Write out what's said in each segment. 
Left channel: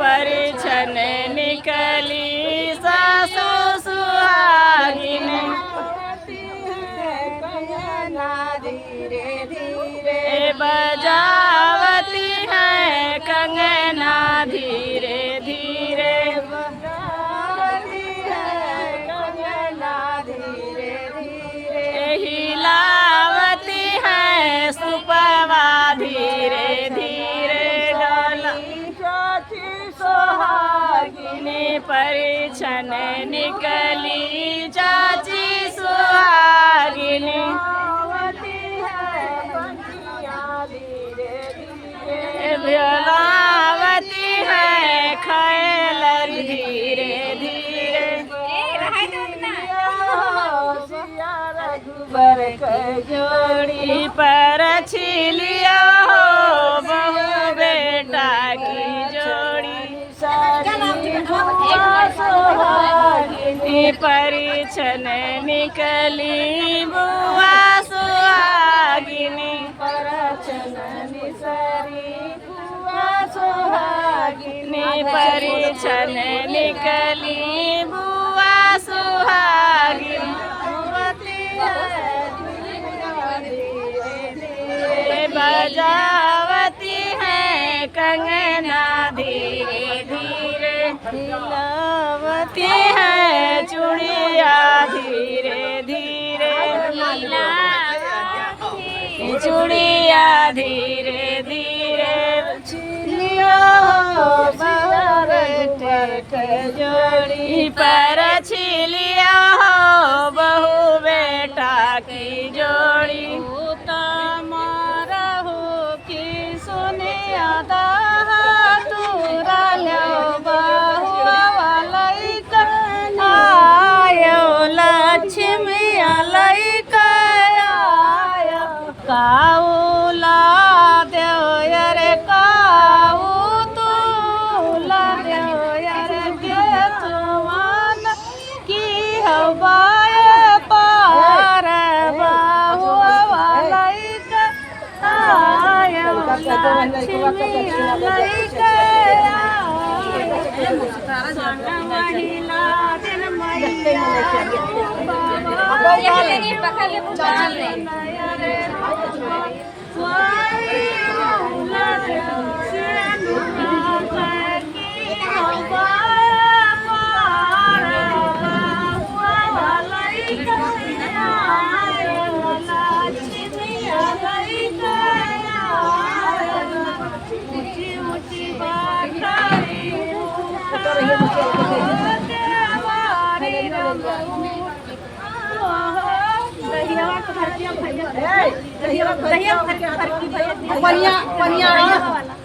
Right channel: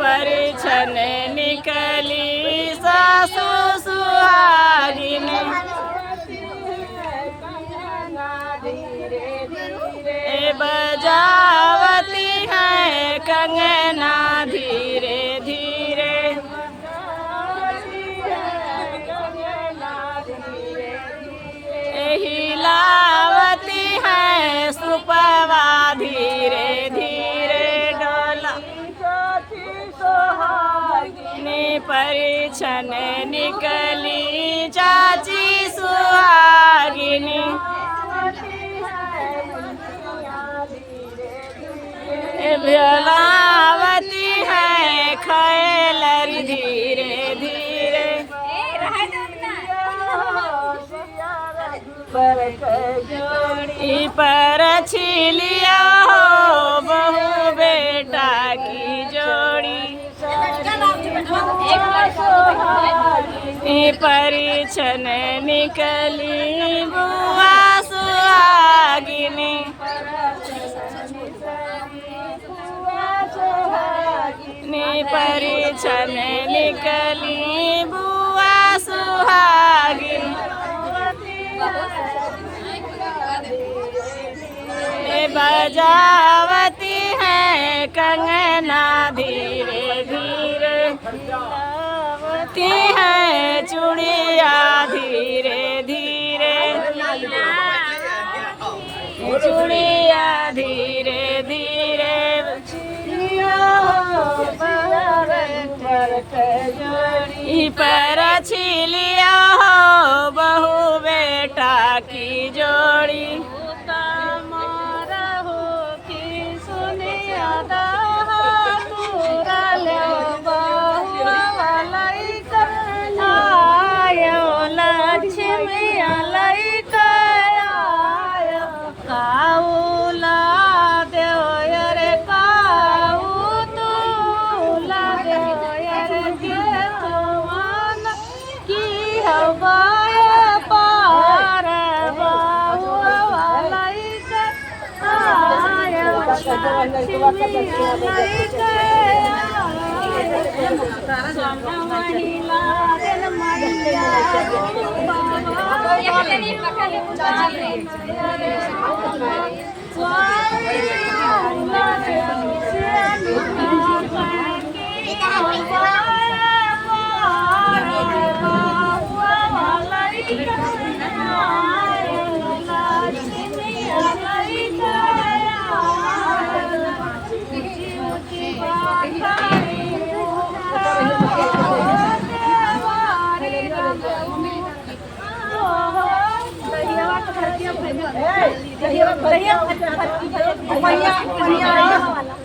परिछन निकली सासु सुहागिन बजावती है कंगना धीरे धीरे हिलावती है सुपवा धीरे धीरे डोला परिछन निकली चाची सुहागिनी भलावती है खैलरी धीरे धीरे जोड़ी पर छिलिया हो बहू बेटा की जोड़ी परिछन निकली बुआ सुहागिनी परिछन निकली बुआ सुहागिन बजावती है कंगना धीरे धीरे हिलावती है चूड़िया धीरे धीरे चूड़िया धीरे धीरे पर छिलिया हो बहू बेटा की जोड़ी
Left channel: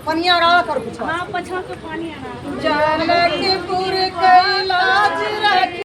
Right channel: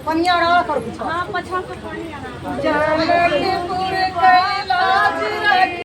पनिया